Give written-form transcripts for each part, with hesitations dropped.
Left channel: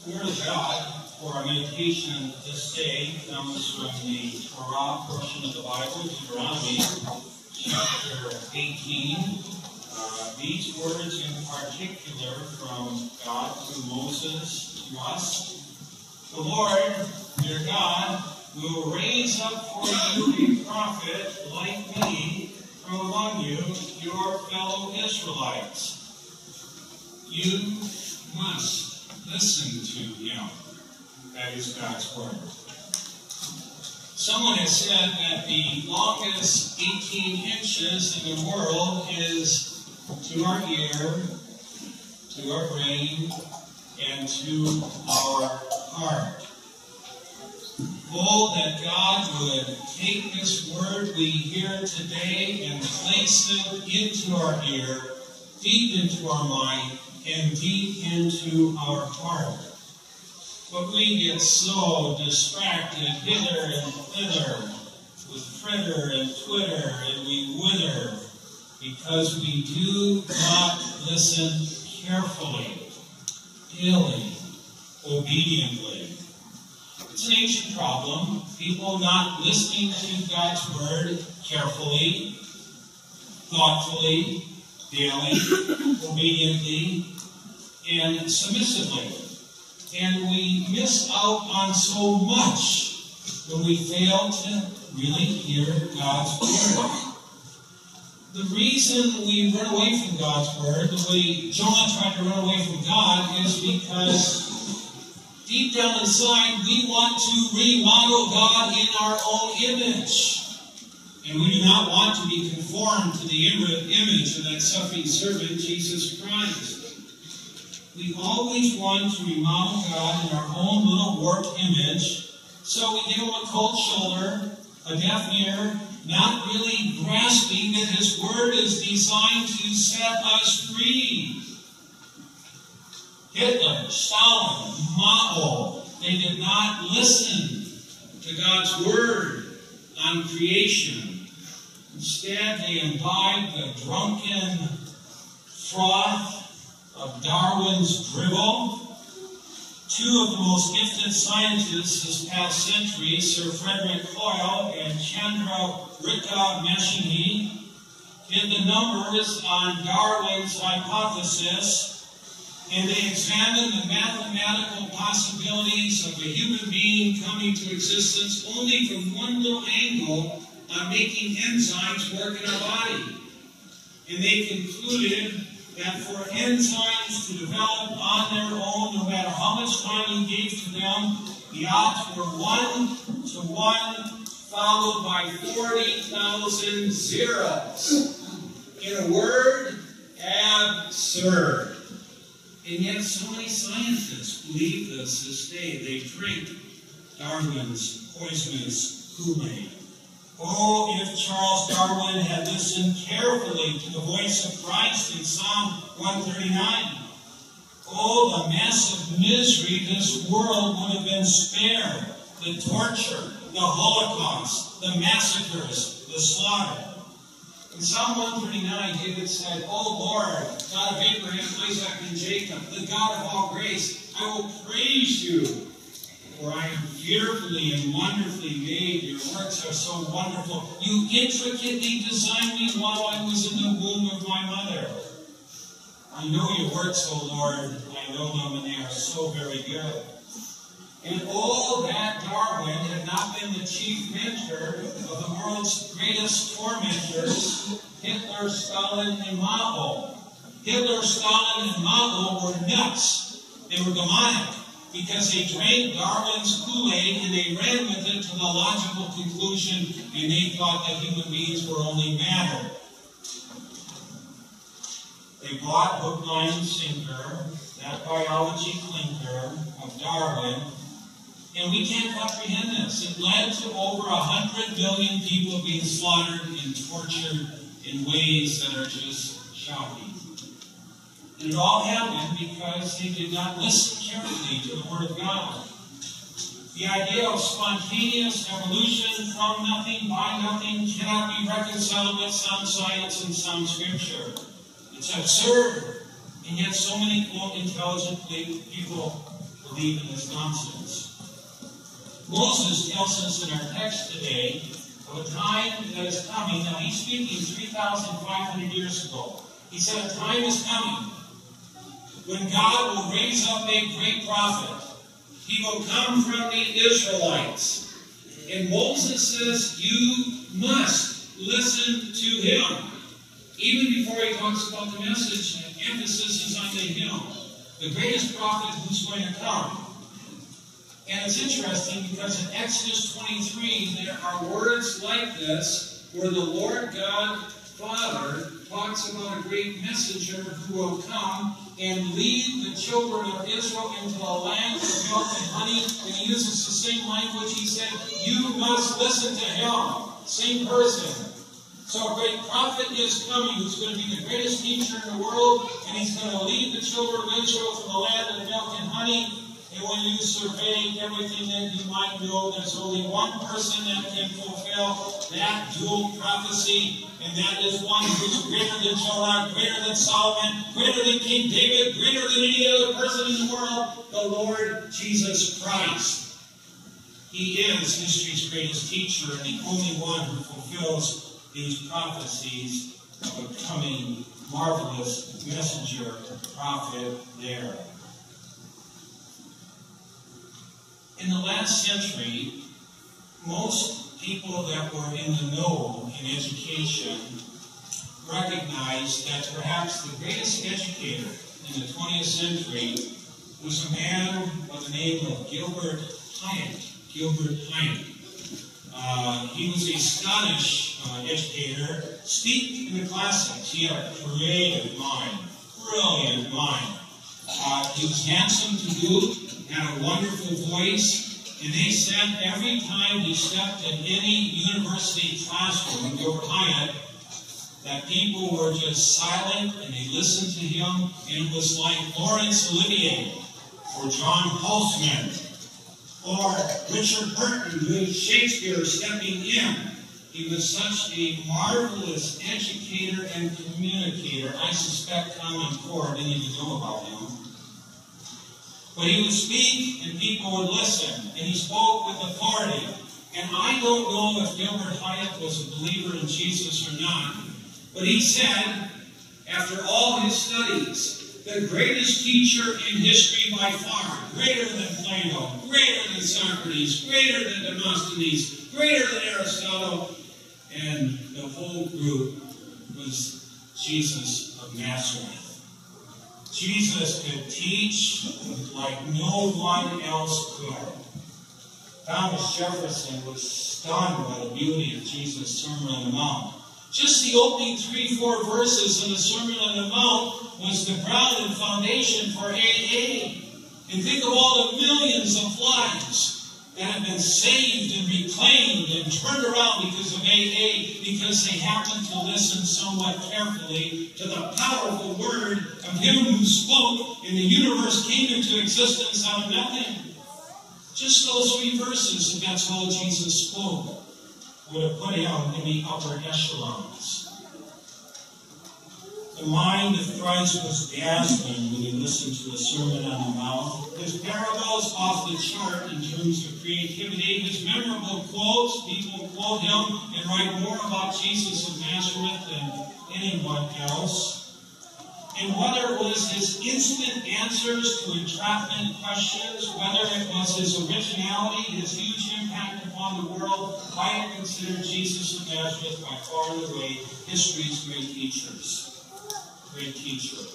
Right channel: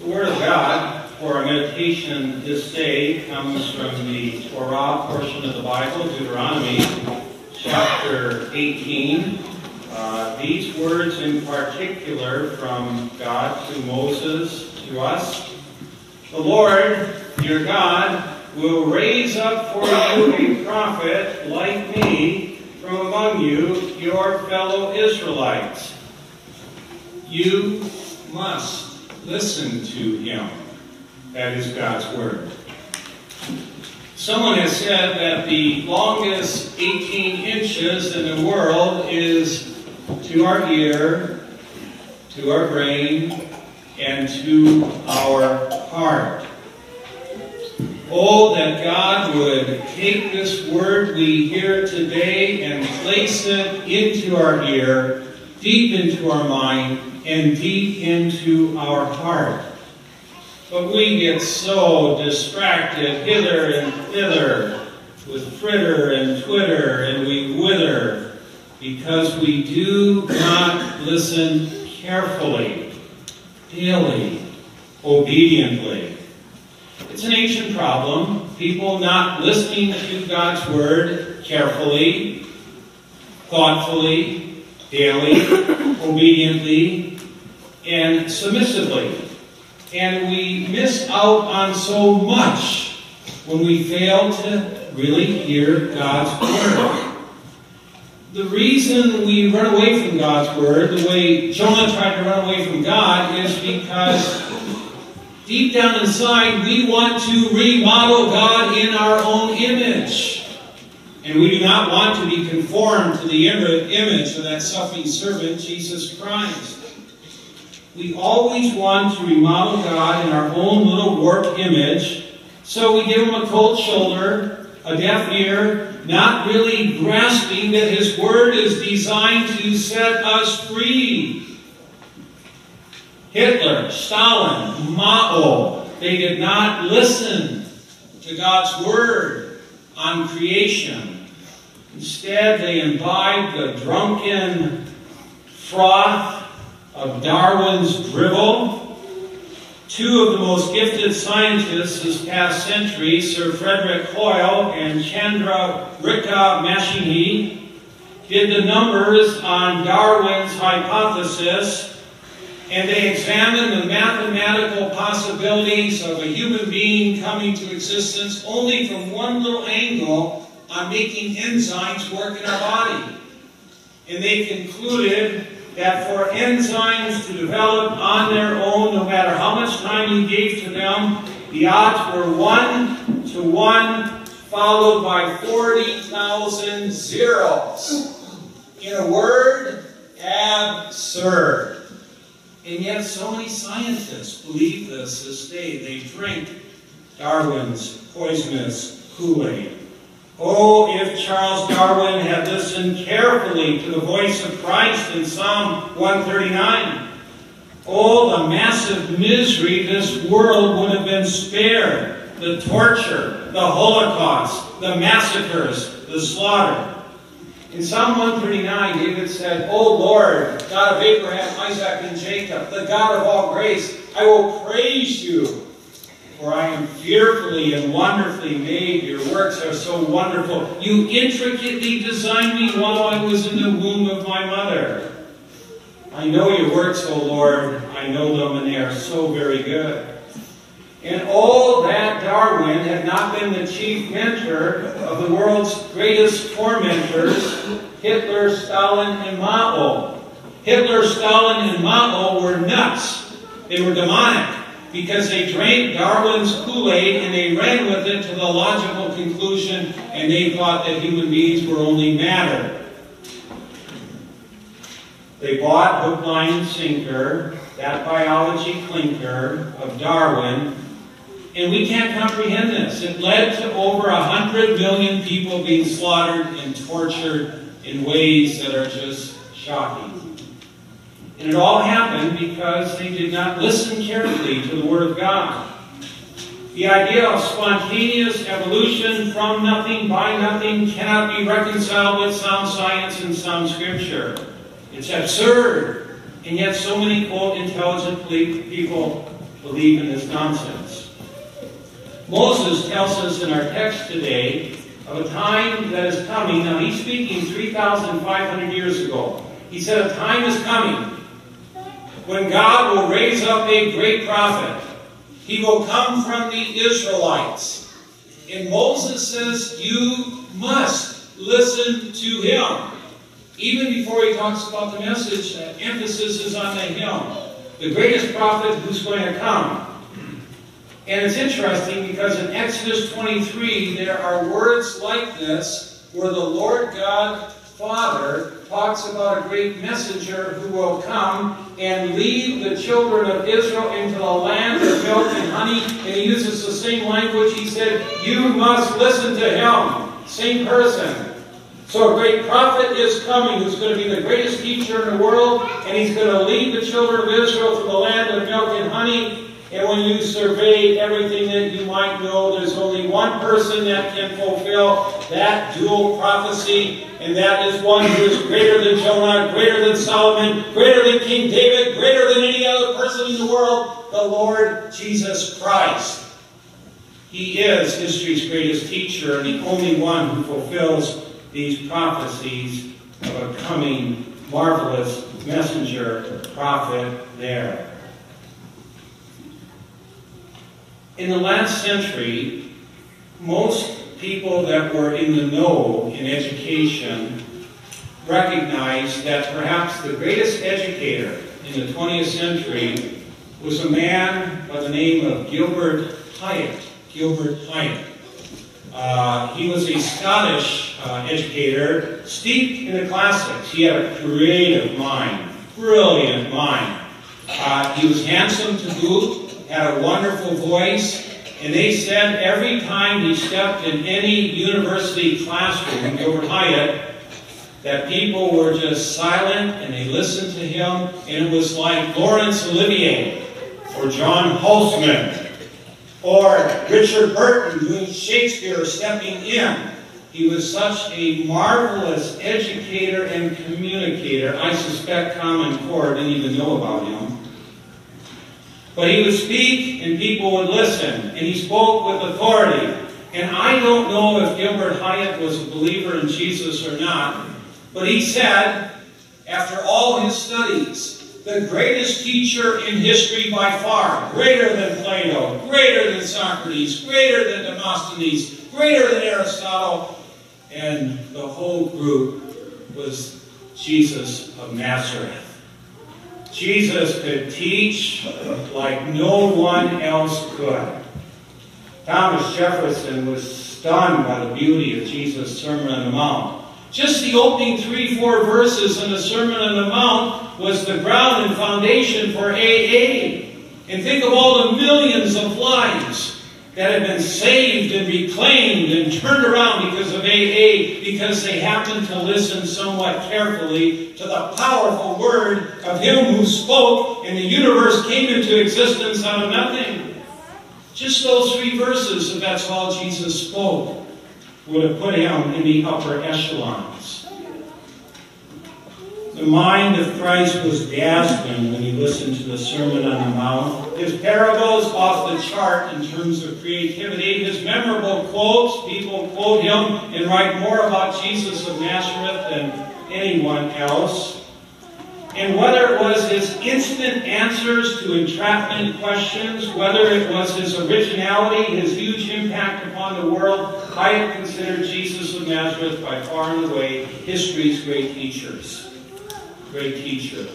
The Word of God for our meditation this day comes from the Torah portion of the Bible, Deuteronomy chapter 18. These words in particular from God to Moses, to us. The Lord, your God, will raise up for you a prophet like me from among you, your fellow Israelites. You must listen to him. That is God's word. Someone has said that the longest 18 inches in the world is to our ear, to our brain, and to our heart. Oh, that God would take this word we hear today and place it into our ear, deep into our mind, and deep into our heart. But we get so distracted hither and thither with fritter and twitter, and we wither because we do not listen carefully, daily, obediently. It's an ancient problem, people not listening to God's word carefully, thoughtfully, daily, obediently, and submissively. And we miss out on so much when we fail to really hear God's word. The reason we run away from God's word, the way Jonah tried to run away from God, is because deep down inside we want to remodel God in our own image. And we do not want to be conformed to the image of that suffering servant, Jesus Christ. We always want to remodel God in our own little warped image, so we give him a cold shoulder, a deaf ear, not really grasping that his word is designed to set us free. Hitler, Stalin, Mao, they did not listen to God's word on creation. Instead, they imbibed the drunken froth of Darwin's drivel. Two of the most gifted scientists this past century, Sir Frederick Hoyle and Chandrika Mashini, did the numbers on Darwin's hypothesis, and they examined the mathematical possibilities of a human being coming to existence only from one little angle on making enzymes work in our body. And they concluded that for enzymes to develop on their own, no matter how much time you gave to them, the odds were 1 to 1, followed by 40,000 zeros. In a word, absurd. And yet so many scientists believe this day. They drink Darwin's poisonous Kool-Aid. Oh, if Charles Darwin had listened carefully to the voice of Christ in Psalm 139, oh, the massive misery this world would have been spared. The torture, the Holocaust, the massacres, the slaughter. In Psalm 139, David said, O Lord, God of Abraham, Isaac, and Jacob, the God of all grace, I will praise you, for I am fearfully and wonderfully made. Your works are so wonderful. You intricately designed me while I was in the womb of my mother. I know your works, O Lord. I know them, and they are so very good. And all that Darwin had not been the chief mentor of the world's greatest tormentors, Hitler, Stalin, and Mao. Hitler, Stalin, and Mao were nuts. They were demonic because they drank Darwin's Kool-Aid and they ran with it to the logical conclusion, and they thought that human beings were only matter. They bought hook, line, and sinker, that biology clinker of Darwin. And we can't comprehend this. It led to over 100 million people being slaughtered and tortured in ways that are just shocking. And it all happened because they did not listen carefully to the Word of God. The idea of spontaneous evolution from nothing by nothing cannot be reconciled with sound science and sound Scripture. It's absurd. And yet so many, quote, intelligent people believe in this nonsense. Moses tells us in our text today of a time that is coming. Now, he's speaking 3,500 years ago. He said a time is coming when God will raise up a great prophet. He will come from the Israelites. And Moses says, you must listen to him. Even before he talks about the message, the emphasis is on the him. The greatest prophet who's going to come. And it's interesting because in Exodus 23, there are words like this where the Lord God Father talks about a great messenger who will come and lead the children of Israel into the land of milk and honey. And he uses the same language. He said, you must listen to him. Same person. So a great prophet is coming who's going to be the greatest teacher in the world. And he's going to lead the children of Israel to the land of milk and honey. And when you survey everything that you might know, there's only one person that can fulfill that dual prophecy, and that is one who is greater than Jonah, greater than Solomon, greater than King David, greater than any other person in the world, the Lord Jesus Christ. He is history's greatest teacher and the only one who fulfills these prophecies of a coming marvelous messenger, prophet there. In the last century, most people that were in the know in education recognized that perhaps the greatest educator in the 20th century was a man by the name of Gilbert Hyatt. Gilbert Hyatt. He was a Scottish educator, steeped in the classics. He had a creative mind, brilliant mind. He was handsome to boot. Had a wonderful voice, and they said every time he stepped in any university classroom, Gilbert Hyatt, that people were just silent and they listened to him, and it was like Laurence Olivier or John Holtzman or Richard Burton doing Shakespeare stepping in. He was such a marvelous educator and communicator. I suspect Common Core didn't even know about him. But he would speak and people would listen, and he spoke with authority. And I don't know if Gilbert Hyatt was a believer in Jesus or not, but he said, after all his studies, the greatest teacher in history by far, greater than Plato, greater than Socrates, greater than Demosthenes, greater than Aristotle, and the whole group was Jesus of Nazareth. Jesus could teach like no one else could. Thomas Jefferson was stunned by the beauty of Jesus' Sermon on the Mount. Just the opening 3-4 verses in the Sermon on the Mount was the ground and foundation for AA. And think of all the millions of lives that have been saved and reclaimed and turned around because of AA, because they happened to listen somewhat carefully to the powerful word of him who spoke, and the universe came into existence out of nothing. Just those 3 verses, if that's all Jesus spoke, would have put him in the upper echelons. The mind of Christ was dazzling when he listened to the Sermon on the Mount. His parables off the chart in terms of creativity. His memorable quotes, people quote him and write more about Jesus of Nazareth than anyone else. And whether it was his instant answers to entrapment questions, whether it was his originality, his huge impact upon the world, I consider Jesus of Nazareth by far and away history's great teachers. Great teacher.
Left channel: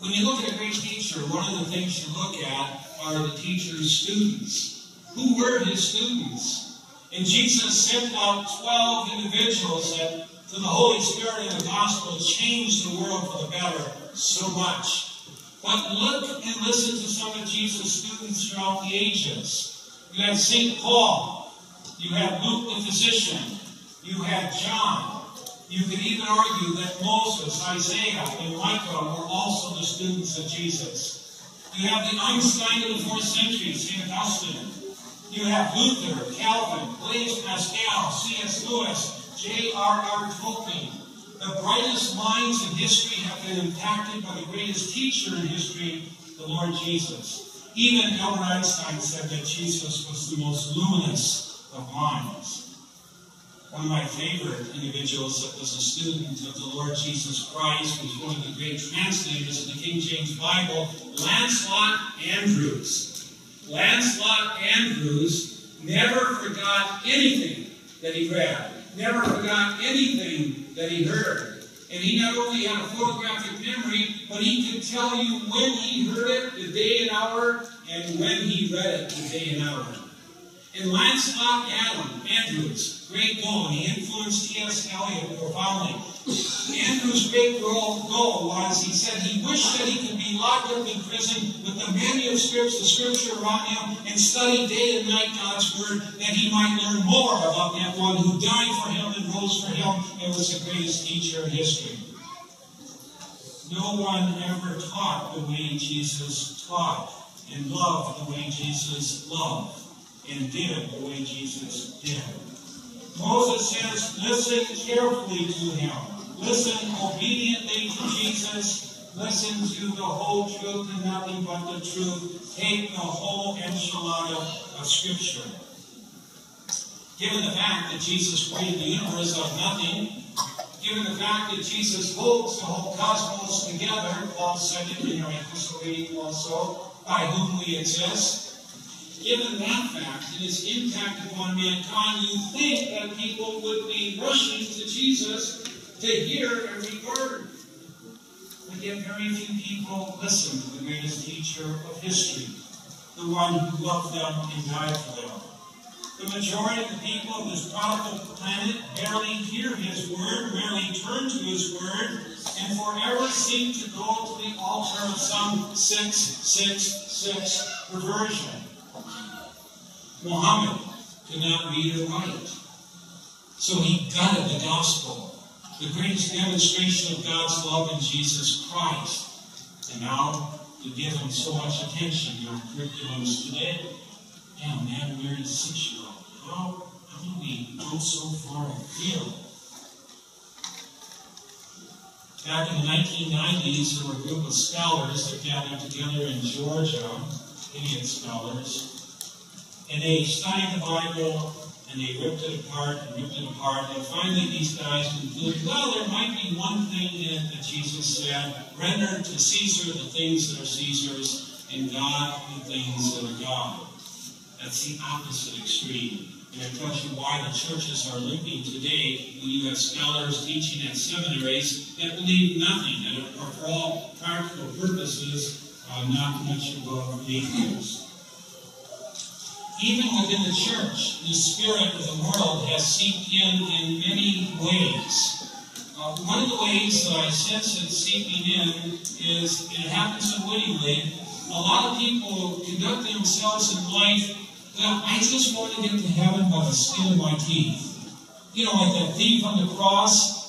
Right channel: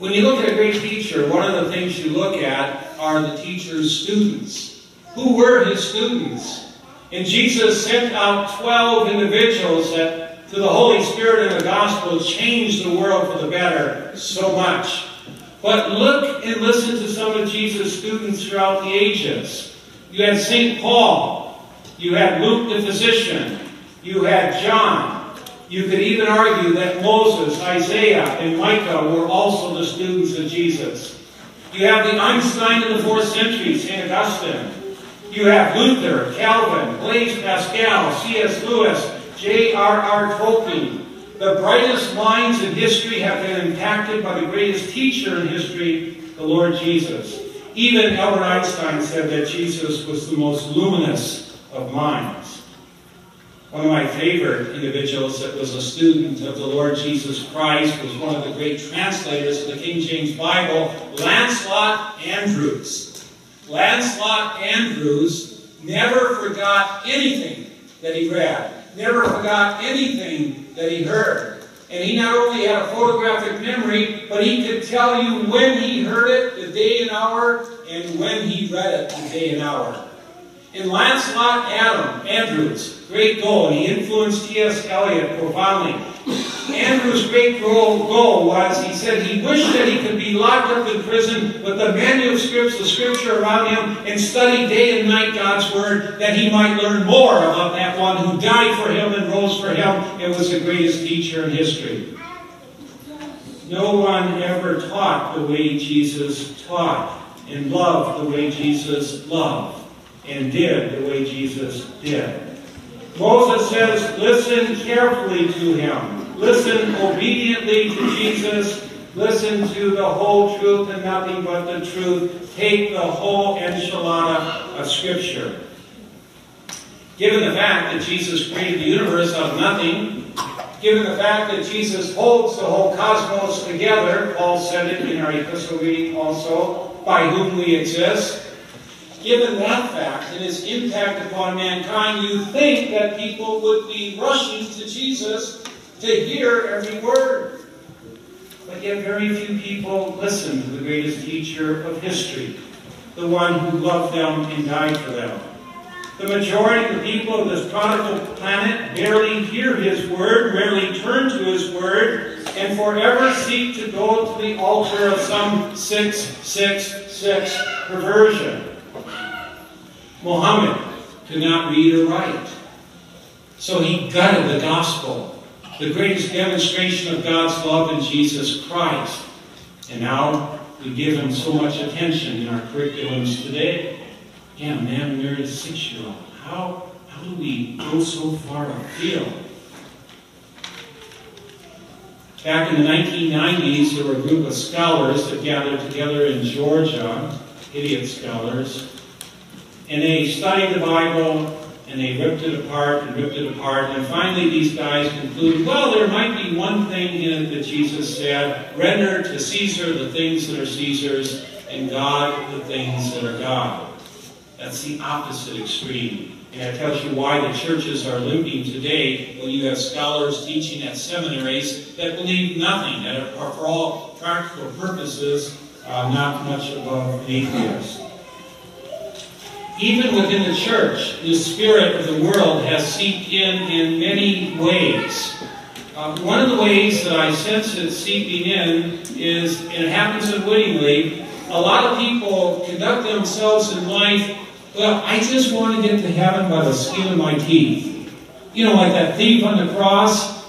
When you look at a great teacher, one of the things you look at are the teacher's students. Who were his students? And Jesus sent out 12 individuals that, through the Holy Spirit and the gospel, changed the world for the better so much. But look and listen to some of Jesus' students throughout the ages. You had St. Paul. You had Luke the physician. You had John. You could even argue that Moses, Isaiah, and Micah were also the students of Jesus. You have the Einstein in the 4th century, St. Augustine. You have Luther, Calvin, Blaise Pascal, C.S. Lewis, J.R.R. Tolkien. The brightest minds in history have been impacted by the greatest teacher in history, the Lord Jesus. Even Albert Einstein said that Jesus was the most luminous of minds. One of my favorite individuals that was a student of the Lord Jesus Christ was one of the great translators of the King James Bible, Lancelot Andrewes. Lancelot Andrewes never forgot anything that he read, never forgot anything that he heard. And he not only had a photographic memory, but he could tell you when he heard it, the day and hour, and when he read it, the day and hour. And Lancelot Andrewes, great goal, and he influenced T.S. Eliot profoundly. Andrewes' great goal was, he said he wished that he could be locked up in prison with the manuscripts of Scripture around him and study day and night God's Word, that he might learn more about that one who died for him and rose for him and was the greatest teacher in history. No one ever taught the way Jesus taught, and loved the way Jesus loved, and did the way Jesus did. Moses says, listen carefully to him. Listen obediently to Jesus. Listen to the whole truth and nothing but the truth. Take the whole enchilada of Scripture. Given the fact that Jesus created the universe out of nothing, given the fact that Jesus holds the whole cosmos together, Paul said it in our epistle reading also, by whom we exist, given that fact and its impact upon mankind, you think that people would be rushing to Jesus to hear every word. But yet very few people listen to the greatest teacher of history, the one who loved them and died for them. The majority of the people of this prodigal planet barely hear his word, rarely turn to his word, and forever seek to go to the altar of some 666 perversion. Muhammad could not read or write, so he gutted the gospel, the greatest demonstration of God's love in Jesus Christ. And now we give him so much attention in our curriculums today. Yeah, man, when you're a 6-year-old, how do we go so far afield? Back in the 1990s, there were a group of scholars that gathered together in Georgia, idiot scholars, and they studied the Bible, and they ripped it apart, and finally these guys concluded, well, there might be one thing in it that Jesus said, render to Caesar the things that are Caesar's, and God the things that are God. That's the opposite extreme. And that tells you why the churches are limping today when you have scholars teaching at seminaries that believe nothing, that are for all practical purposes not much above atheists. Even within the church, the spirit of the world has seeped in many ways. One of the ways that I sense it seeping in is, and it happens unwittingly, a lot of people conduct themselves in life, well, I just want to get to heaven by the skin of my teeth. You know, like that thief on the cross.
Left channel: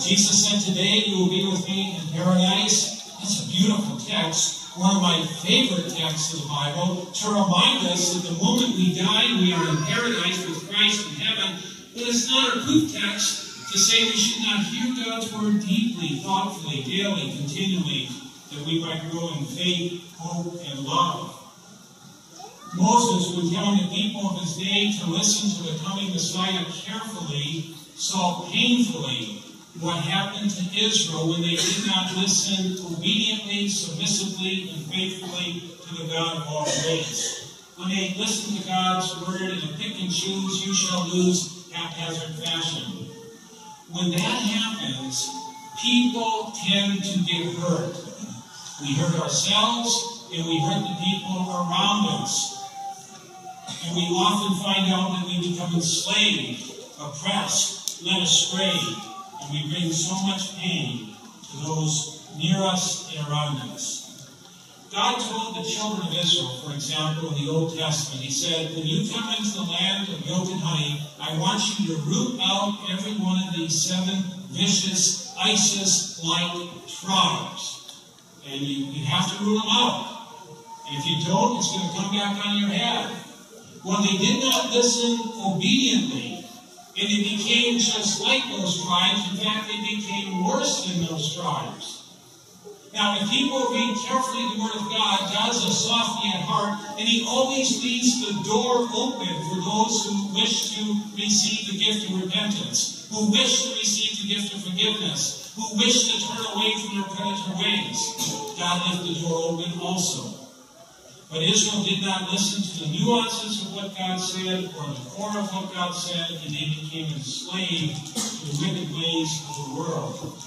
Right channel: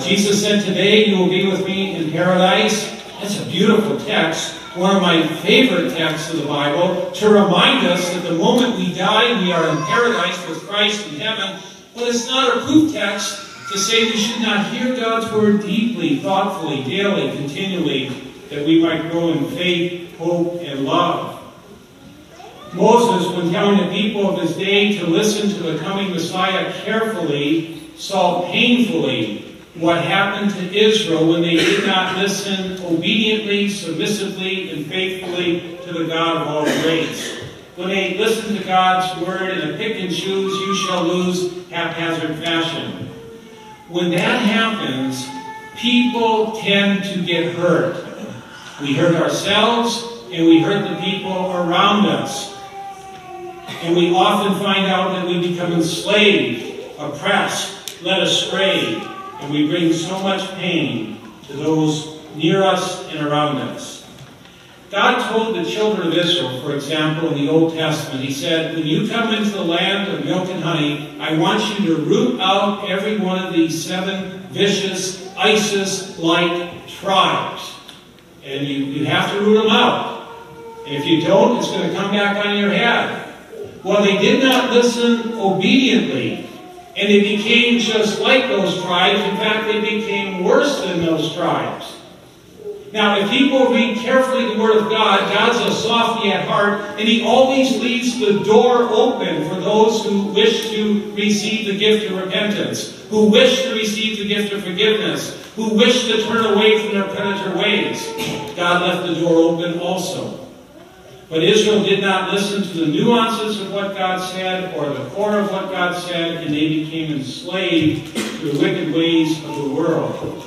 Jesus said, today you will be with me in paradise. That's a beautiful text. One of my favorite texts of the Bible, to remind us that the moment we die, we are in paradise with Christ in heaven. But it's not a proof text to say we should not hear God's word deeply, thoughtfully, daily, continually, that we might grow in faith, hope, and love. Moses, when telling the people of his day to listen to the coming Messiah carefully, saw painfully what happened to Israel when they did not listen obediently, submissively, and faithfully to the God of all grace. When they listened to God's word in a pick and choose, you shall lose, haphazard fashion. When that happens, people tend to get hurt. We hurt ourselves, and we hurt the people around us. And we often find out that we become enslaved, oppressed, led astray, and we bring so much pain to those near us and around us. God told the children of Israel, for example, in the Old Testament, he said, when you come into the land of milk and honey, I want you to root out every one of these 7 vicious, ISIS-like tribes. And you have to root them out. And if you don't, it's going to come back on your head. Well, they did not listen obediently, and they became just like those tribes. In fact, they became worse than those tribes. Now, if people read carefully the Word of God, God's a softy at heart, and He always leaves the door open for those who wish to receive the gift of repentance, who wish to receive the gift of forgiveness, who wish to turn away from their penitent ways. God left the door open also. But Israel did not listen to the nuances of what God said or the core of what God said, and they became enslaved to the wicked ways of the world.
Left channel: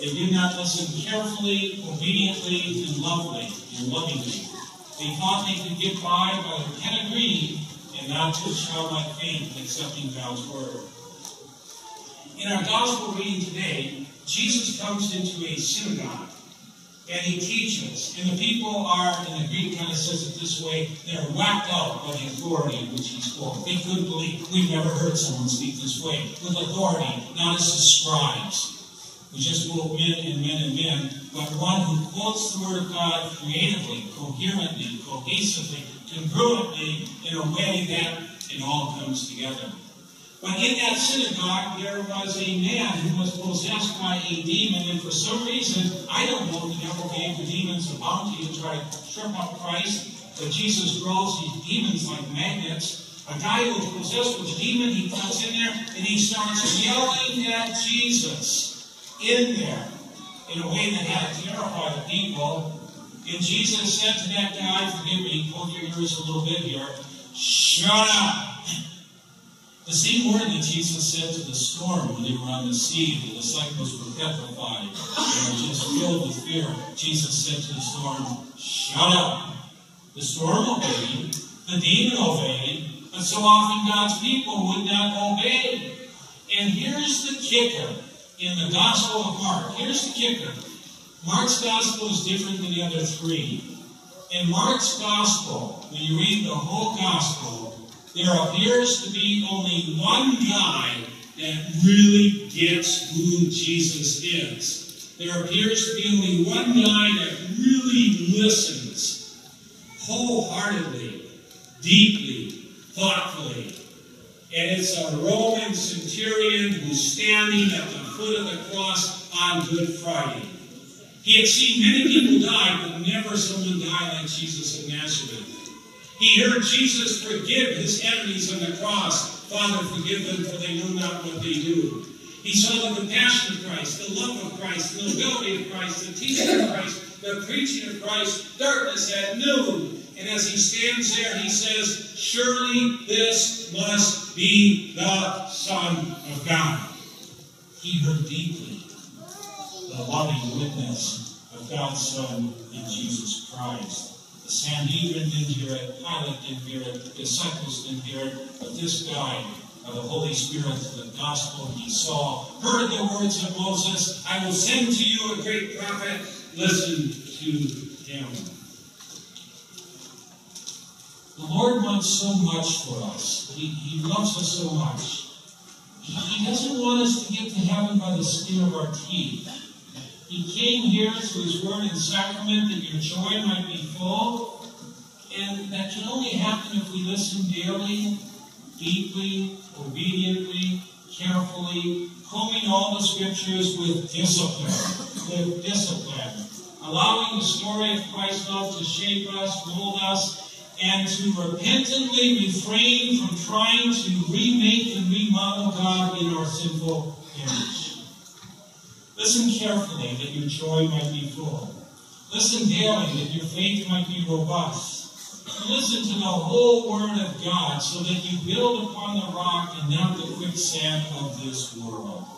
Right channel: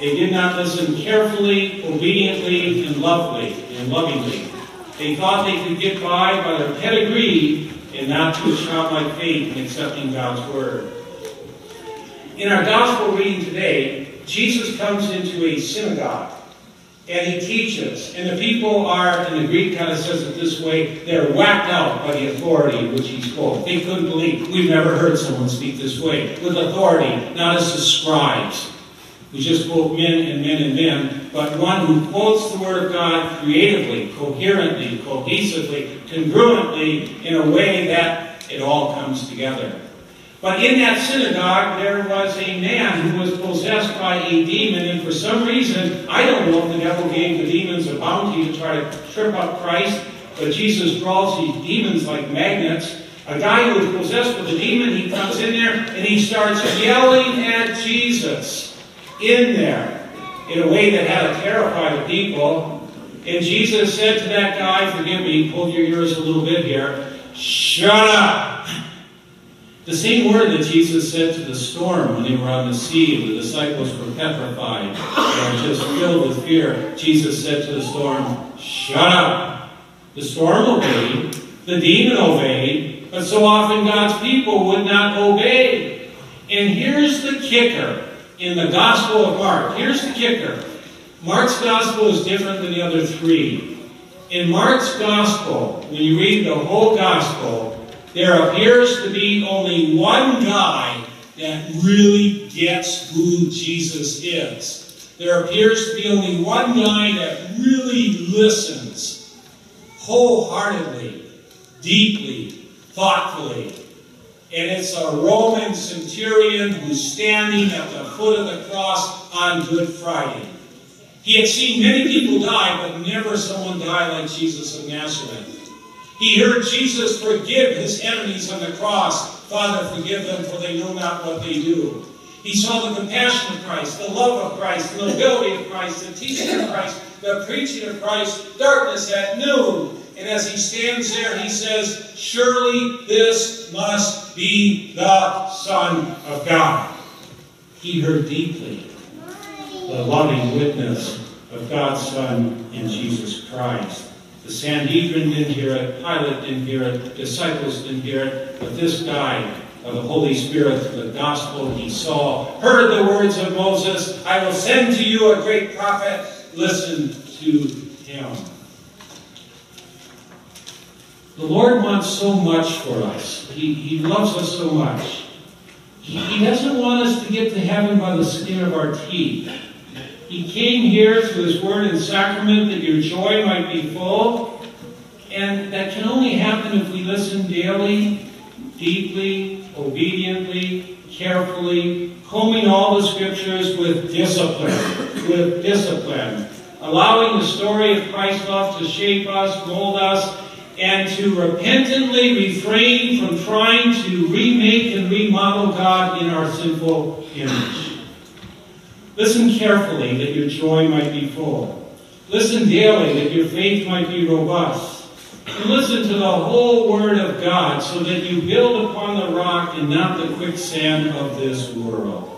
They did not listen carefully, obediently, and lovingly. They thought they could get by their pedigree and not to a childlike faith in accepting God's word. In our gospel reading today, Jesus comes into a synagogue and He teaches. And the people are, and the Greek kind of says it this way, they're whacked out by the authority which He spoke. They couldn't believe. We've never heard someone speak this way. With authority, not as the scribes, who just quote men and men and men, but one who quotes the Word of God creatively, coherently, cohesively, congruently, in a way that it all comes together. But in that synagogue, there was a man who was possessed by a demon, and for some reason, I don't know if the devil gave the demons a bounty to try to trip up Christ, but Jesus draws these demons like magnets. A guy who is possessed with a demon, he comes in there, and he starts yelling at Jesus in there in a way that had to terrify the people. And Jesus said to that guy, forgive me, hold your ears a little bit here, shut up. The same word that Jesus said to the storm when they were on the sea and the disciples were petrified and just filled with fear. Jesus said to the storm, shut up. The storm obeyed, the demon obeyed, but so often God's people would not obey. And here's the kicker in the Gospel of Mark. Here's the kicker. Mark's Gospel is different than the other three. In Mark's Gospel, when you read the whole Gospel, there appears to be only one guy that really gets who Jesus is. There appears to be only one guy that really listens wholeheartedly, deeply, thoughtfully. And it's a Roman centurion who's standing at the foot of the cross on Good Friday. He had seen many people die, but never someone die like Jesus of Nazareth. He heard Jesus forgive His enemies on the cross. Father, forgive them, for they know not what they do. He saw the compassion of Christ, the love of Christ, the nobility of Christ, the teaching of Christ, the preaching of Christ, darkness at noon. And as He stands there, He says, surely this must be the Son of God. He heard deeply the loving witness of God's Son in Jesus Christ. The Sanhedrin didn't hear it, Pilate didn't hear it, disciples didn't hear it, but this guy of the Holy Spirit, the gospel he saw, heard the words of Moses, I will send to you a great prophet, listen to him. The Lord wants so much for us. He loves us so much. He doesn't want us to get to heaven by the skin of our teeth. He came here through His word and sacrament that your joy might be full. And that can only happen if we listen daily, deeply, obediently, carefully, combing all the scriptures with discipline. Allowing the story of Christ's love to shape us, mold us, and to repentantly refrain from trying to remake and remodel God in our sinful image. Listen carefully that your joy might be full. Listen daily that your faith might be robust. And listen to the whole Word of God so that you build upon the rock and not the quicksand of this world.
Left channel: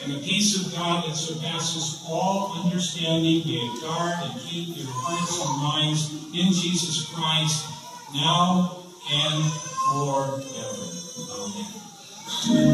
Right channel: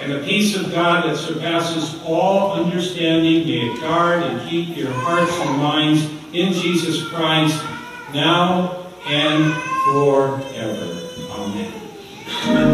And the peace of God that surpasses all understanding may it guard and keep your hearts and minds in Jesus Christ now and forever. Amen.